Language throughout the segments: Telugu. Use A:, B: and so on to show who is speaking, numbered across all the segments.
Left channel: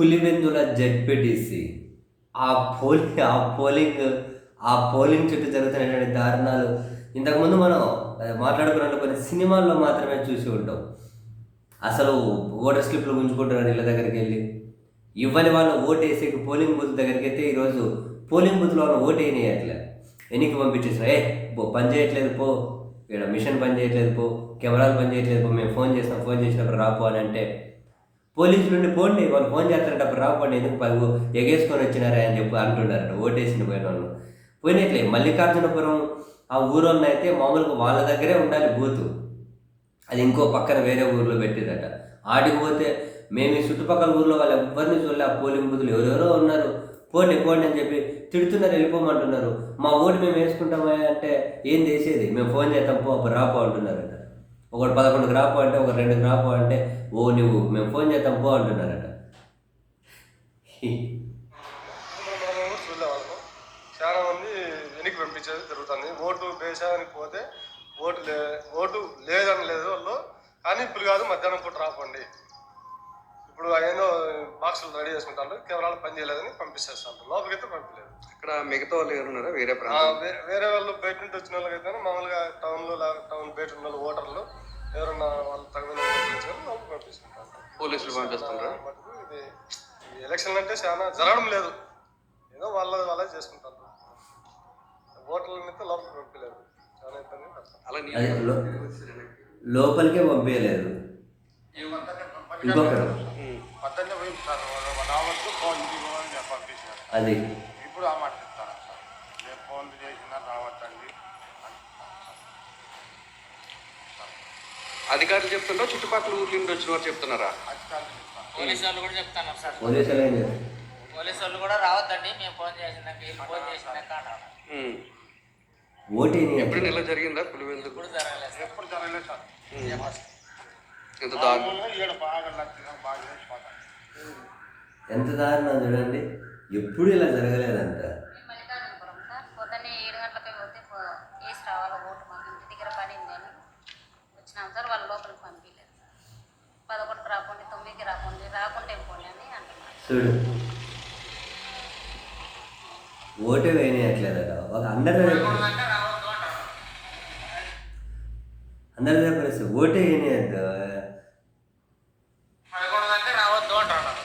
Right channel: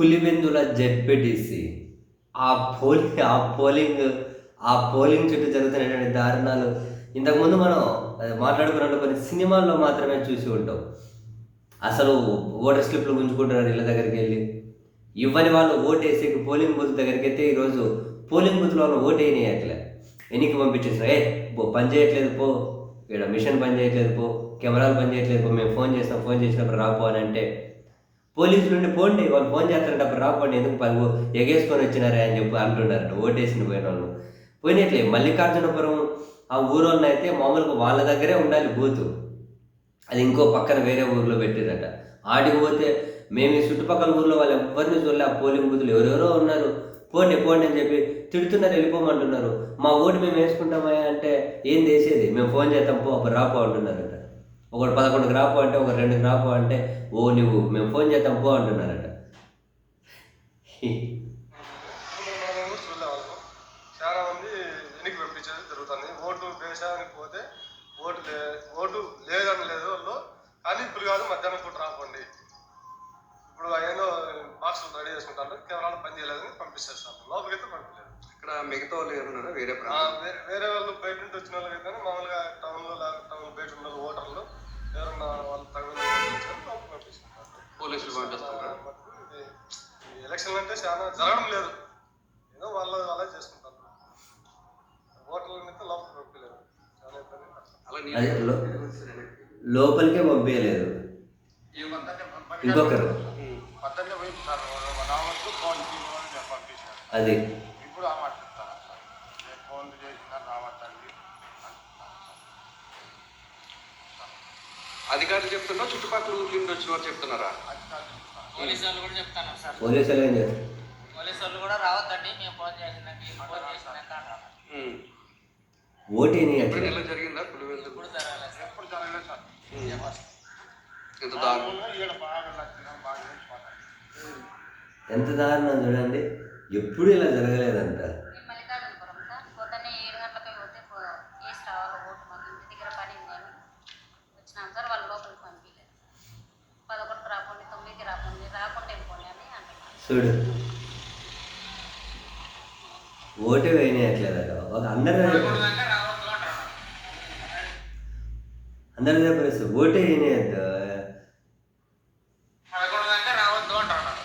A: పులివెందుల జెడ్పీటీసీ. ఆ పోలింగ్ ఆ పోలింగ్ ఆ పోలింగ్ చుట్టూ జరుగుతున్నటువంటి దారుణాలు. ఇంతకుముందు మనం అది మాట్లాడుకున్నట్టు కొన్ని సినిమాల్లో మాత్రమే చూసి ఉంటాం. అసలు ఓటర్ స్లిప్లు గుంజుకుంటున్నారు ఇళ్ళ దగ్గరికి వెళ్ళి ఇవ్వని వాళ్ళు ఓటు పోలింగ్ బూత్ దగ్గరికి అయితే ఈరోజు పోలింగ్ బూత్లో వాళ్ళు ఓటు వేయనీయట్లే. ఎన్నిక పంపించేసిన ఏ పో పని చేయట్లేదు పో. ఇక్కడ మిషన్ పని చేయట్లేదు పో. కెమెరాలు పని చేయట్లేదు పో. మేము ఫోన్ చేసినా ఫోన్ చేసినప్పుడు రాపో అని అంటే పోలీసులు ఉండి పోండి వాళ్ళు ఫోన్ చేస్తారంటే అప్పుడు రాకపోండి ఎందుకు ప- ఎగేసుకొని వచ్చినారా అని చెప్పి అంటున్నారట ఓటేసిన పోయిన వాళ్ళు. పోయినట్లే మల్లికార్జునపురం ఆ ఊరోళ్ళని అయితే మామూలుగా వాళ్ళ దగ్గరే ఉండాలి బూతు. అది ఇంకో పక్కన వేరే ఊర్లో పెట్టిరట ఆడికి పోతే మేము ఈ చుట్టుపక్కల ఊర్లో వాళ్ళు ఎవరిని చూడలే ఆ పోలింగ్ బూతులు ఎవరెవరో ఉన్నారు. పోండి పోండి అని చెప్పి తిడుతున్నారు వెళ్ళిపోమంటున్నారు. మా ఓటు మేము వేసుకుంటామా అంటే ఏం చేసేది? మేము ఫోన్ చేస్తాం పో అప్పుడు రాపో అంటున్నారట. ఒకటి పదకొండుకి రాపో అంటే ఒక రెండుకి రాపో అంటే ఓ నువ్వు మేము ఫోన్ చేద్దాం పో అంటున్నారట.
B: చాలా మంది వెనక్కి పంపించేది జరుగుతుంది ఓటు వేసానికి పోతే ఓటు లే ఓటు లేదని లేదు వాళ్ళు కానీ ఇప్పుడు కాదు మధ్యాహ్నం పూట రాకండి ఇప్పుడు ఏదో బాక్సులు రెడీ చేసుకుంటారు కెమెరాలు పని చేయలేదని లోపలికి అయితే పంపించలేదు
C: ఇక్కడ మిగతా వాళ్ళు ఎవరున్నారా వేరే
B: వేరే వాళ్ళు బయట నుంచి వచ్చిన వాళ్ళకైతే మామూలుగా టౌన్లో ఈ ఎలక్షన్ అంటే చాలా జరగడం లేదు. ఏదో వాళ్ళ వాళ్ళే చేసుకుంటారు. ఓటర్లని అయితే లోపలికి పంపించలేదు చాలా ఇబ్బంది
C: అలా
A: లోపలికే పంపించలేదు. ఇంకొకరు. అది.
B: ఇప్పుడు ఆ మాట ఫోన్ చేసినా రావచ్చండి
C: అధికారులు చెప్తున్నా చుట్టుపక్కల ఊర్ల నుండి వచ్చిన వారు చెప్తున్నారా.
D: పోలీసు వాళ్ళు కూడా చెప్తాను సార్.
A: పోలీసులు ఏం చేస్తారు?
D: పోలీసు వాళ్ళు కూడా రావద్దండి మేము ఫోన్ చేసినాక వీళ్ళు చేసినాక.
A: ఓటేని
C: జరిగిందా?
D: జరగలేదు సార్.
B: ఎప్పుడు జరగలేదు సార్.
C: ఇంత దారుణం
B: మామూలుగా ఈడ బాగా లక్షణం బాగా చేసిపోతాను
A: ఎంత దారుణం చూడండి. ఎప్పుడు ఇలా జరగలేదంట.
E: నేను మల్లికార్జునపురం సార్ పొద్దున్నే ఏడు గంటలకి పోతే పో- వేసి రావాలి ఓటు ఇంటి దగ్గర వచ్చినాం సార్ వాళ్ళు లోపలికి పంపించలేదు. పదకొండుకి రాకండి తొమ్మిదికి రాకండి రాకుండా వెళ్ళిపోండి అని అంటున్నారు
A: చూడు. ఓటు వేయట్లేదట ఒక అందరి అందరి దగ్గర ఓటే వేయనేయద్దు
D: పదకొండు దాకా రావద్దు అంటున్నారు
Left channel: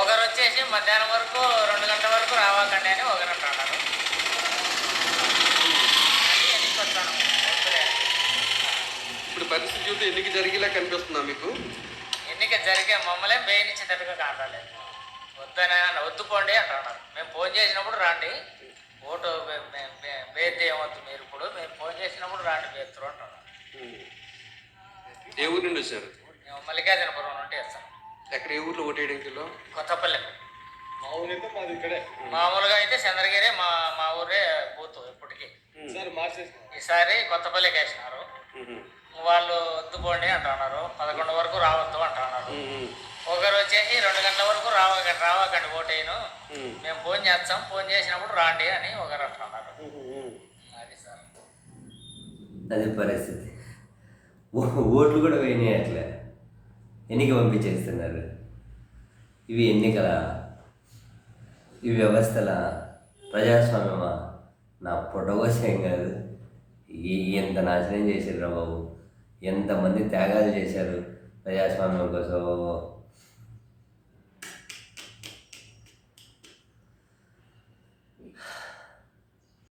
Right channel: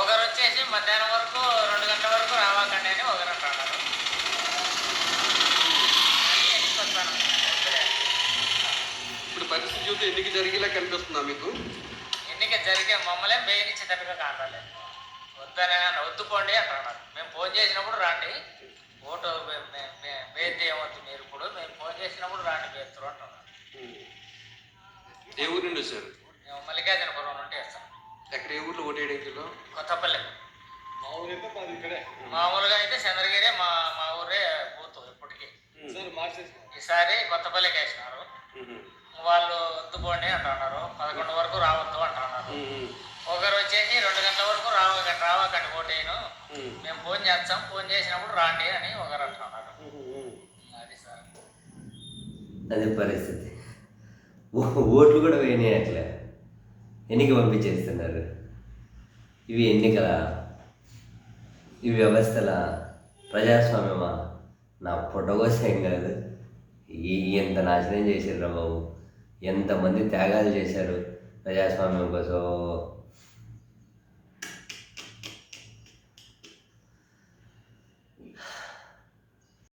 D: ఒకరు వచ్చేసి మధ్యాహ్నం వరకు రెండు గంటల వరకు రావకండి అని ఒకరు అంటున్నారు అది ఎన్నిక వస్తాను వద్దులే.
C: ఇప్పుడు పరిస్థితి చూస్తే ఎన్నిక జరిగేలా కనిపిస్తుందా మీకు?
D: ఎన్నిక జరిగే మమ్మల్ని వేయనిచ్చేటట్టుగా కావట్లేదు వద్దనే వద్దుకోండి అంటున్నారు. మేము ఫోన్ చేసినప్పుడు రాండి. ఓటు బేర్ చేయవద్దు మీరు ఇప్పుడు. మేము ఫోన్ చేసినప్పుడు రాండి బేర్తురు అంటున్నారు.
C: ఏ ఊరు నుండి
D: మేము మల్లికార్జునపురం నుండి వేస్తాం
C: ఎక్కడ ఏ ఊర్లో ఓటేయడం జిల్లా
D: కొత్తపల్లి.
B: మా ఊరైతే మాది ఇక్కడే.
D: మామూలుగా అయితే చంద్రగిరి మా మా ఊరే బూత్ ఇప్పటికీ.
B: సార్
D: ఈసారి కొత్తపల్లికి వేసినారు. వాళ్ళు వద్దుకోండి అంటున్నారు. పదకొండు వరకు రావద్దు అంటున్నారు. ఒకరు వచ్చేసి రెండు గంటల వరకు రావ రావకండి ఓటేను. మేము. ఫోన్ చేస్తాం ఫోన్ చేసినప్పుడు రాండి అని ఒకరు అంటున్నారు. అది సార్.
A: అది పరిస్థితి. ఓట్లు కూడా వేయనీయట్లే. ఎన్నిక పంపించేస్తున్నారు. ఇవి ఎన్నికల ఈ వ్యవస్థల ప్రజాస్వామ్యమా? నా పొట్టగోసం కాదు. ఈ ఎంత నాశనం చేశారు బాబు? ఎంతమంది త్యాగాలు చేశారు ప్రజాస్వామ్యం కోసం